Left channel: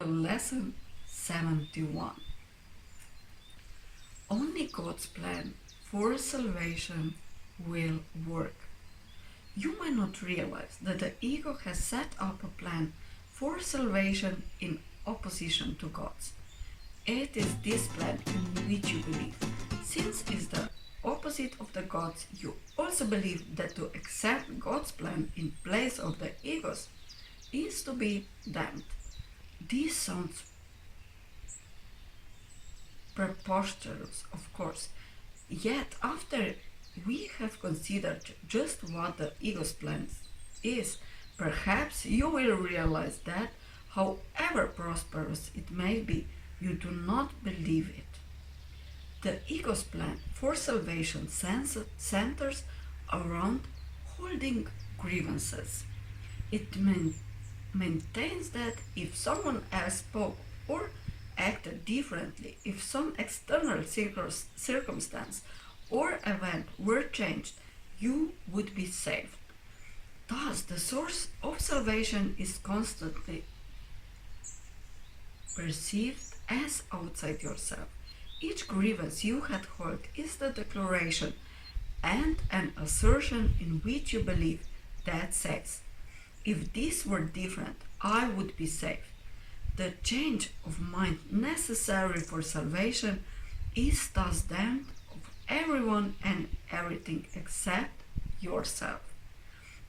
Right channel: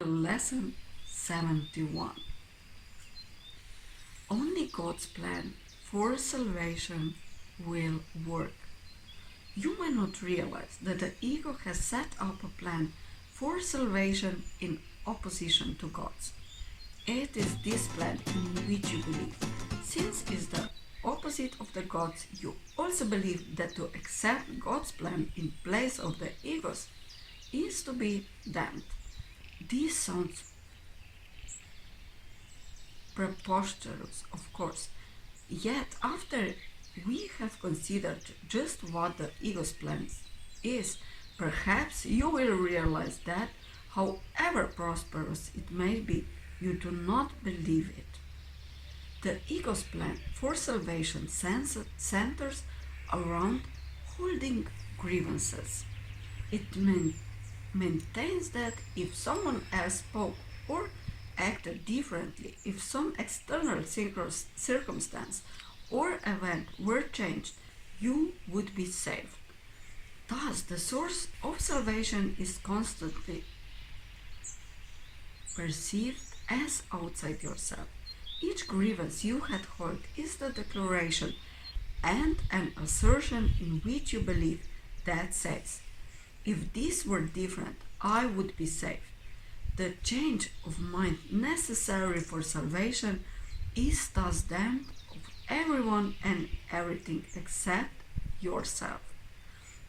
Lesson 71. Only God's plan for salvation will work. You may not realize that the ego has set up a plan for salvation in opposition to God's. It is this plan in which you believe. Since it is the opposite of the God's, you also believe that to accept God's plan in place of the ego's is to be damned. This sounds preposterous, of course. Yet, after we have considered just what the ego's plan is, perhaps you will realize that, however prosperous it may be, you do not believe it. The ego's plan for salvation centers around holding grievances. It maintains that if someone else spoke or acted differently, if some external circumstance or event were changed, you would be saved. Thus, the source of salvation is constantly perceived as outside yourself. Each grievance you had held is the declaration and an assertion in which you believe that says, if this were different, I would be saved. The change of mind necessary for salvation is thus damned of everyone and everything except yourself.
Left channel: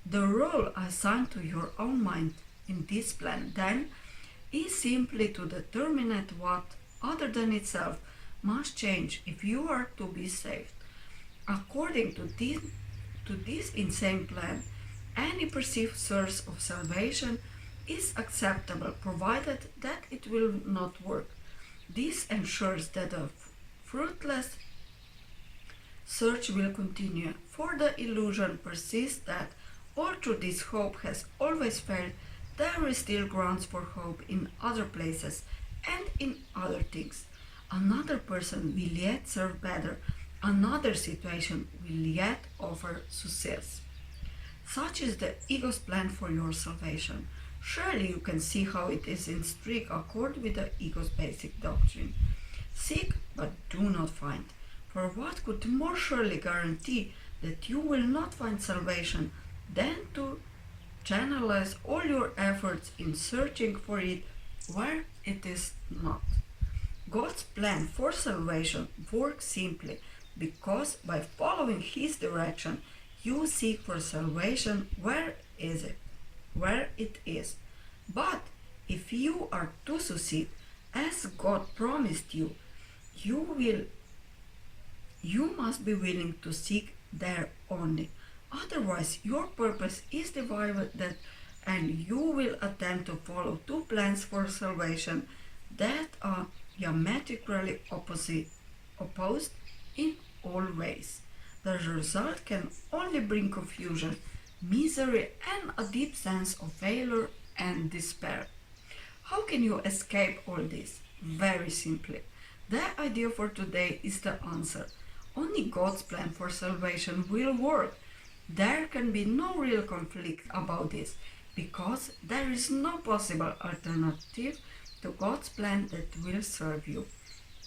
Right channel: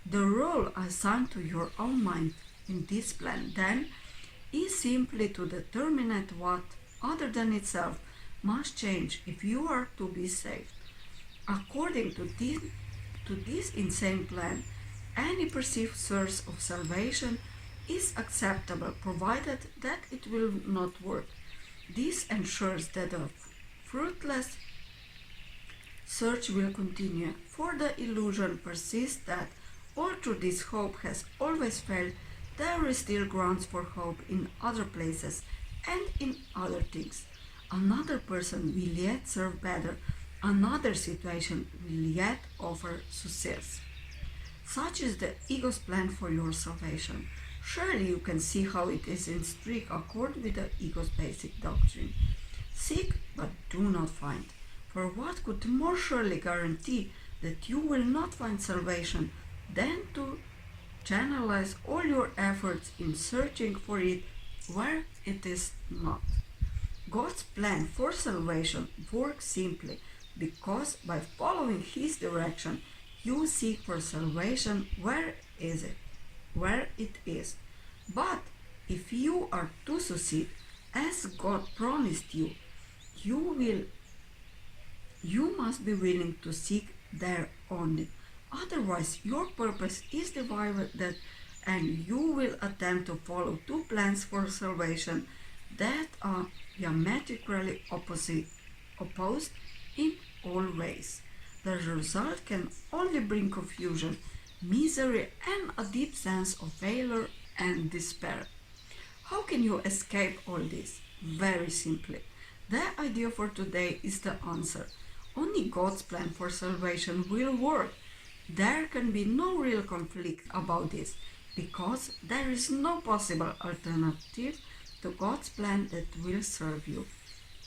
The role assigned to your own mind in this plan, then, is simply to determine what, other than itself, must change if you are to be saved. According to this insane plan, any perceived source of salvation is acceptable provided that it will not work. This ensures that a fruitless search will continue, for the illusion persists that, although this hope has always failed, there is still grounds for hope in other places and in other things. Another person will yet serve better, another situation will yet offer success. Such is the ego's plan for your salvation. Surely you can see how it is in strict accord with the ego's basic doctrine. Seek, but do not find. For what could more surely guarantee that you will not find salvation than to channelize all your efforts in searching for it where it is not? God's plan for salvation works simply because by following His direction, you seek for salvation where it is. But if you are to succeed as God promised you, you must be willing to seek there only. Otherwise, your purpose is divided and you will attempt to follow two plans for salvation that are diametrically opposed in all ways. The result can only bring confusion, misery, and a deep sense of failure and despair. How can you escape all this? Very simply. The idea for today is the answer. Only God's plan for salvation will work. There can be no real conflict about this, because there is no possible alternative to God's plan that will serve you.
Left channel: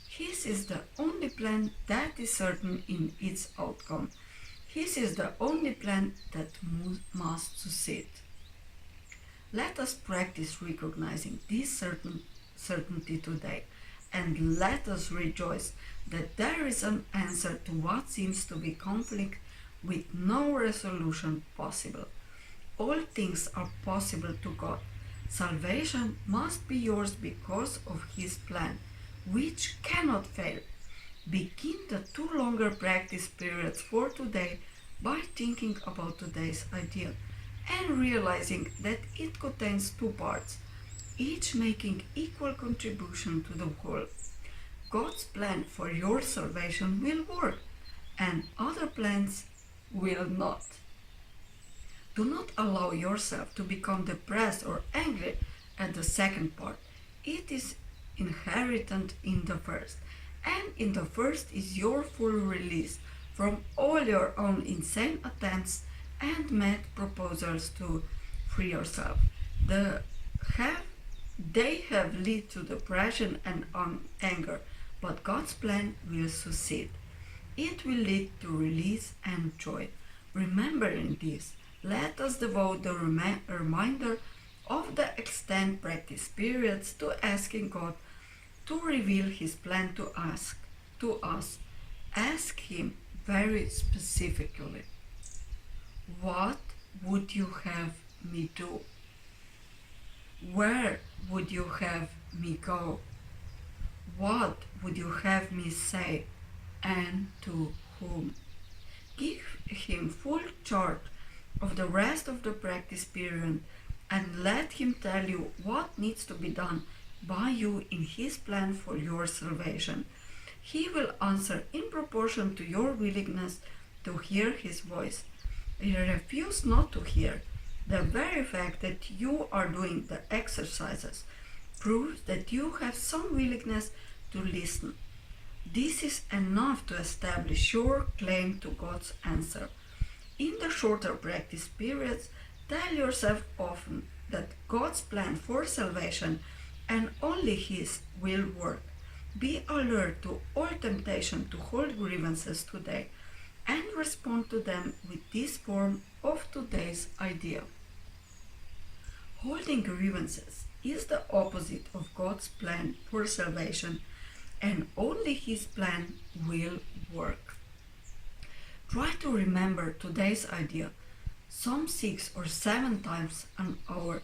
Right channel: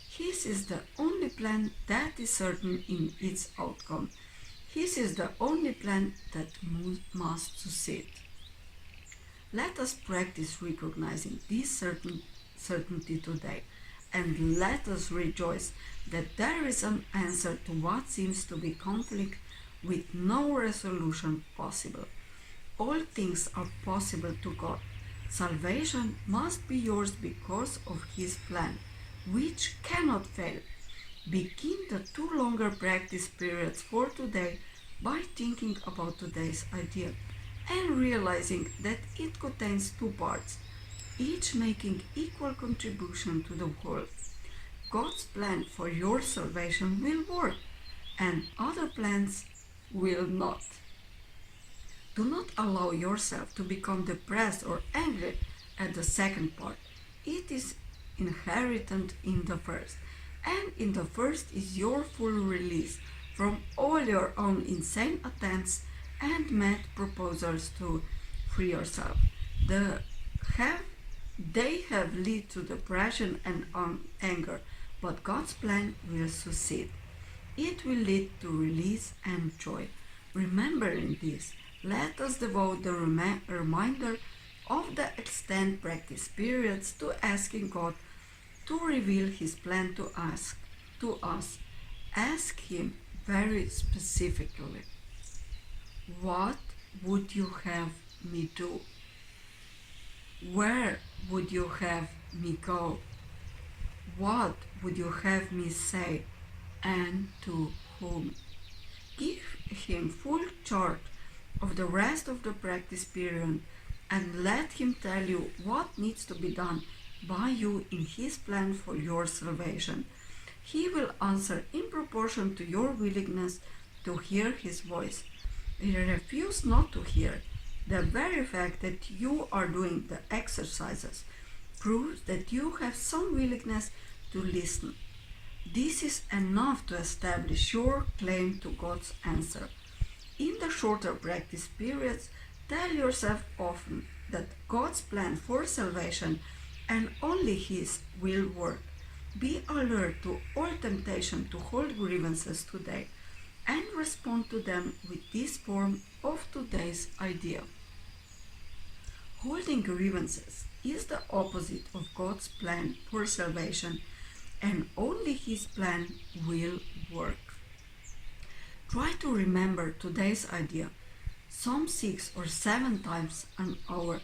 His is the only plan that is certain in its outcome. His is the only plan that must succeed. Let us practice recognizing this certainty today, and let us rejoice that there is an answer to what seems to be conflict with no resolution possible. All things are possible to God. Salvation must be yours because of His plan, which cannot fail. Begin the 2 longer practice periods for today by thinking about today's idea and realizing that it contains 2 parts, each making equal contribution to the whole. God's plan for your salvation will work, and other plans will not. Do not allow yourself to become depressed or angry at the second part. It is inherent in the first, and in the first is your full release from all your own insane attempts and mad proposals to free yourself. The have they have led to depression and anger, but God's plan will succeed. It will lead to release and joy. Remembering this, let us devote the reminder of the extended practice periods to asking God to reveal His plan to us. Ask Him very specifically, what would you have me do? Where would you have me go? What would you have me say? And to whom? Give Him full charge of the rest of the practice period and let Him tell you what needs to be done by you in His plan for your salvation. He will answer in proportion to your willingness to hear His voice. Refuse not to hear. The very fact that you are doing the exercises proves that you have some willingness to listen. This is enough to establish your claim to God's answer. In the shorter practice periods, tell yourself often that God's plan for salvation and only His will work. Be alert to all temptation to hold grievances today and respond to them with this form of today's idea. Holding grievances is the opposite of God's plan for salvation, and only His plan will work. Try to remember today's idea some 6 or 7 times an hour.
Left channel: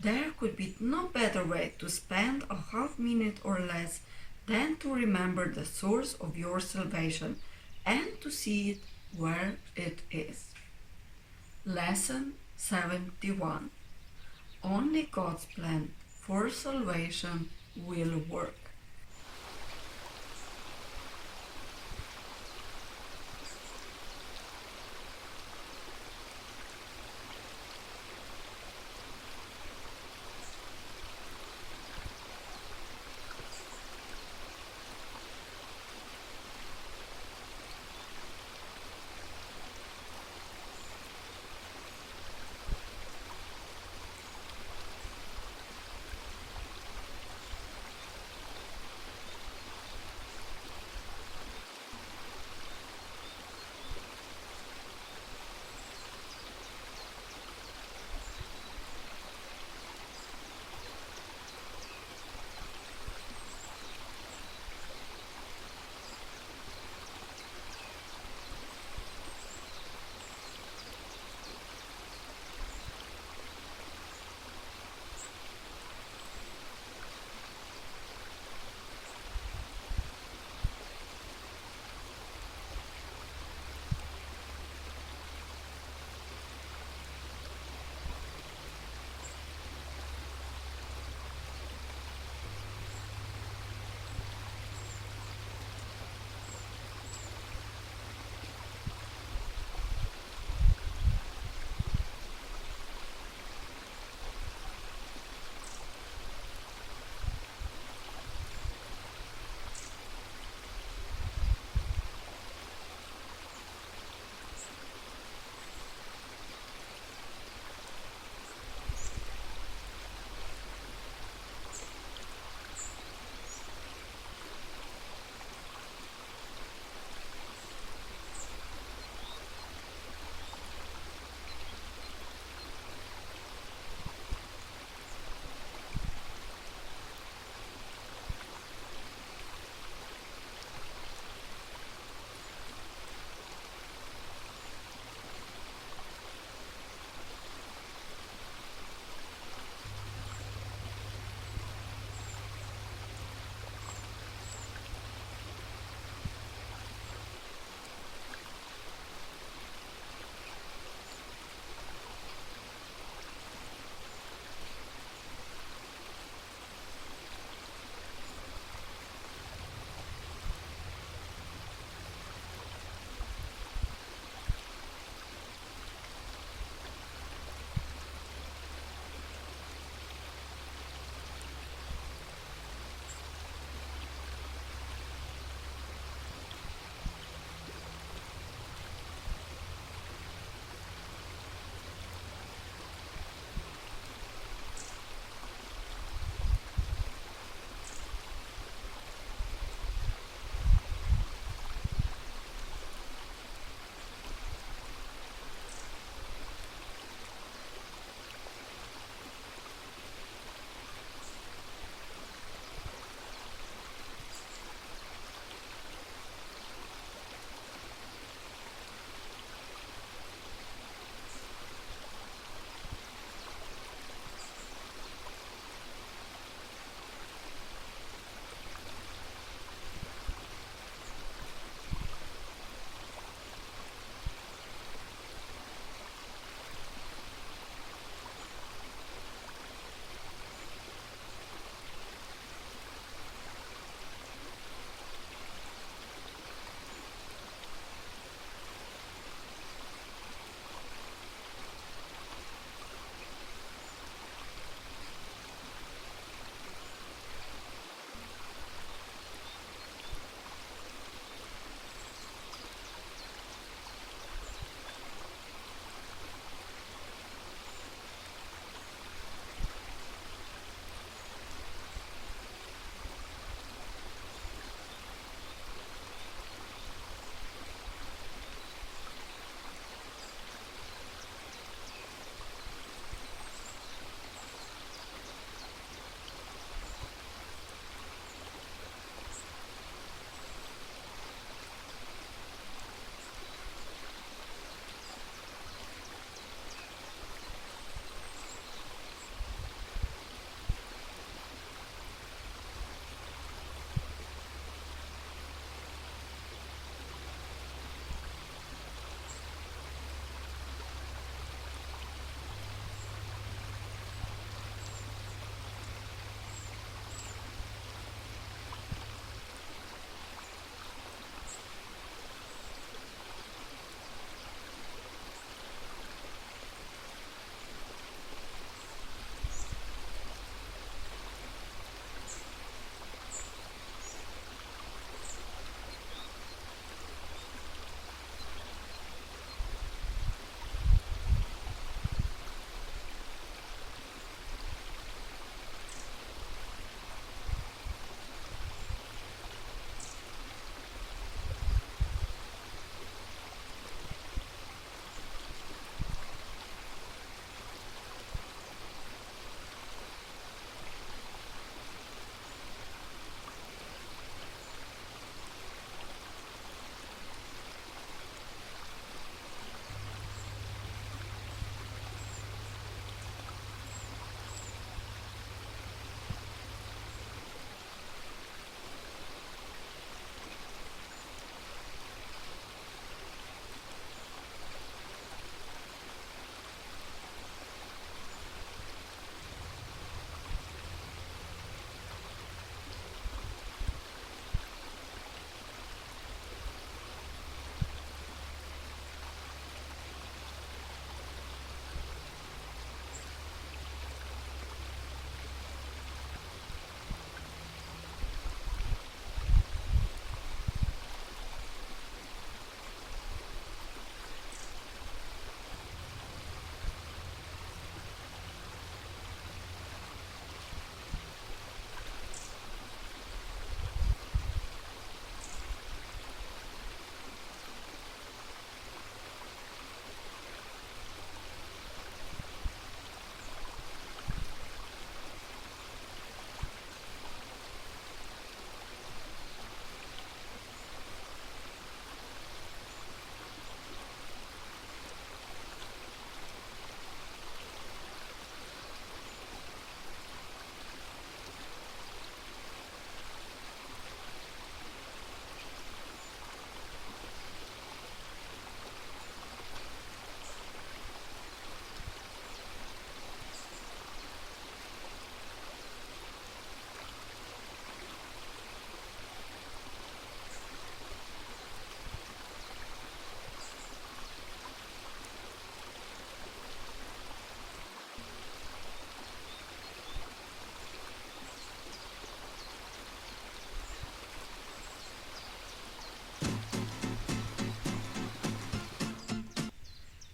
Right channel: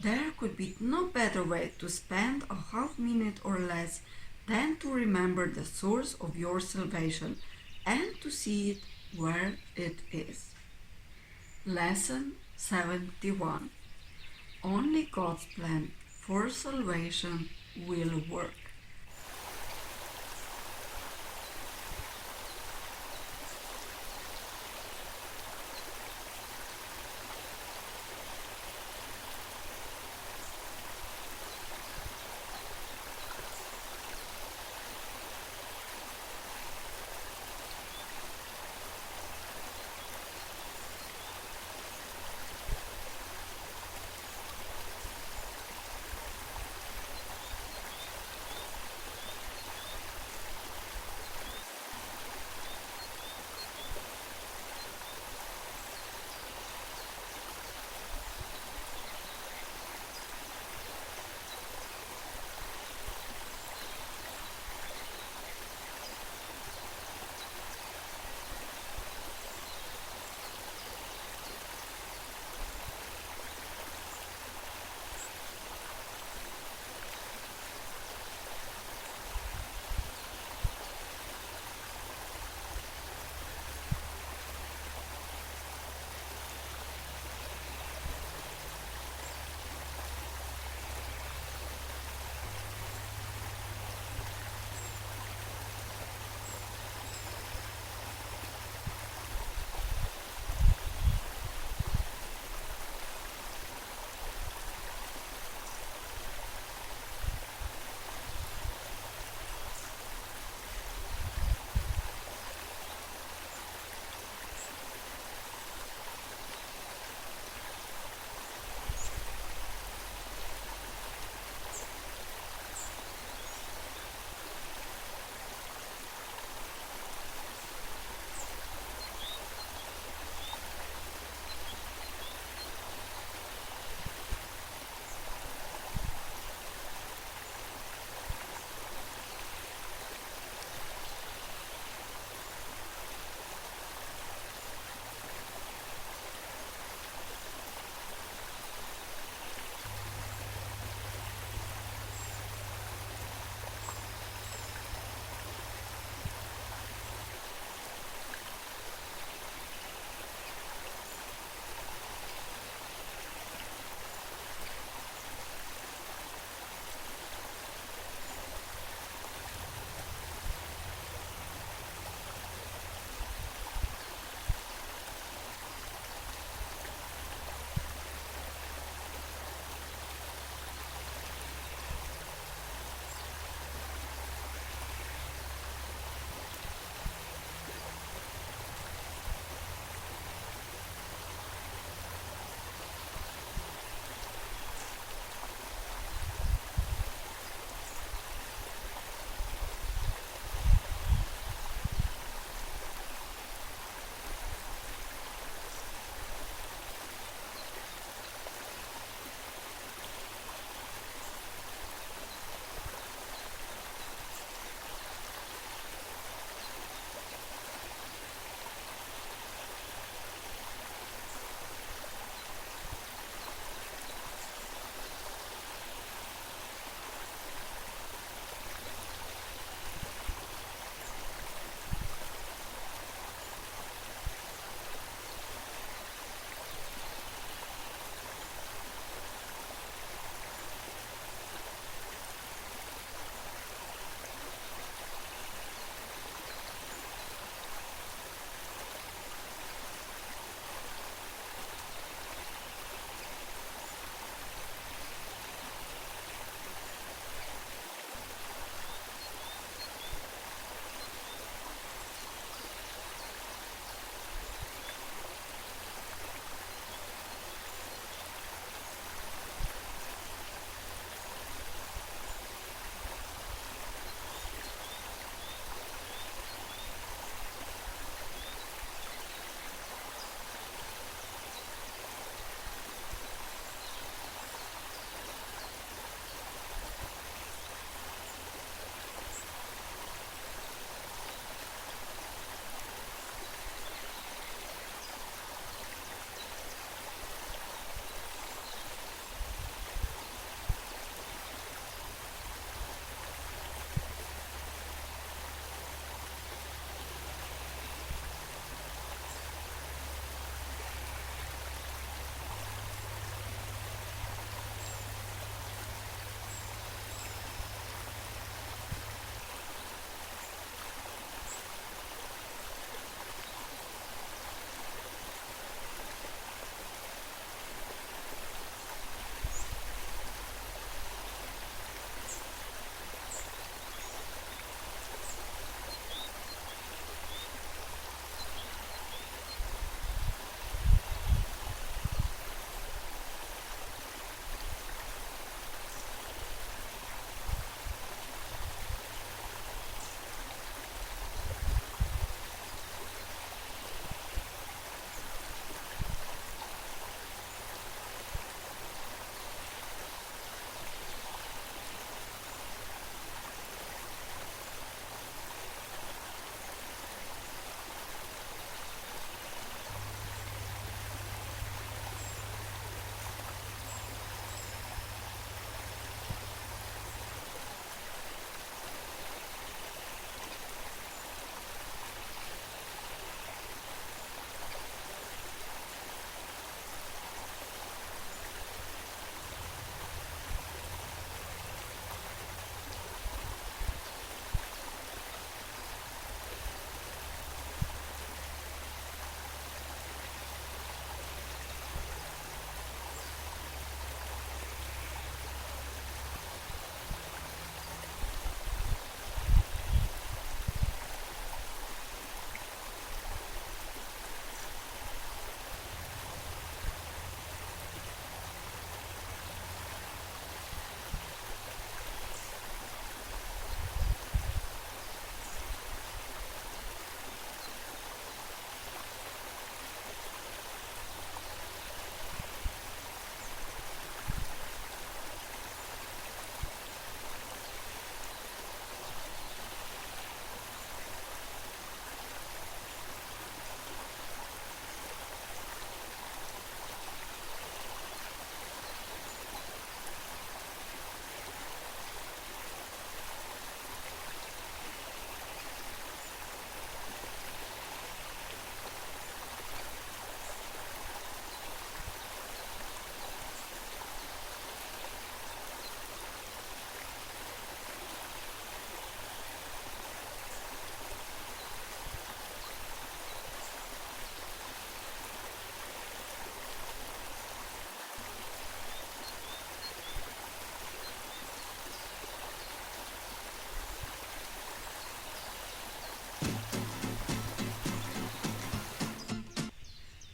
There could be no better way to spend a half minute or less than to remember the source of your salvation and to see it where it is. Lesson 71. Only God's plan for salvation will work.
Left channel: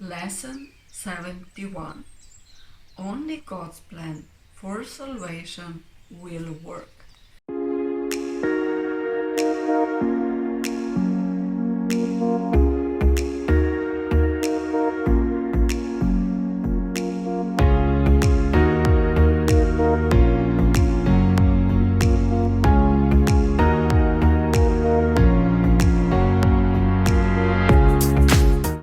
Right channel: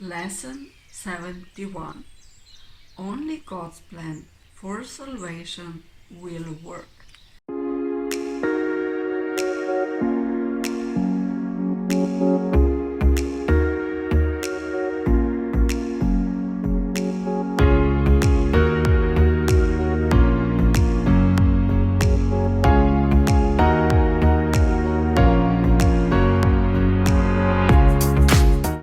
Lesson 71. Only God's plan for salvation will work.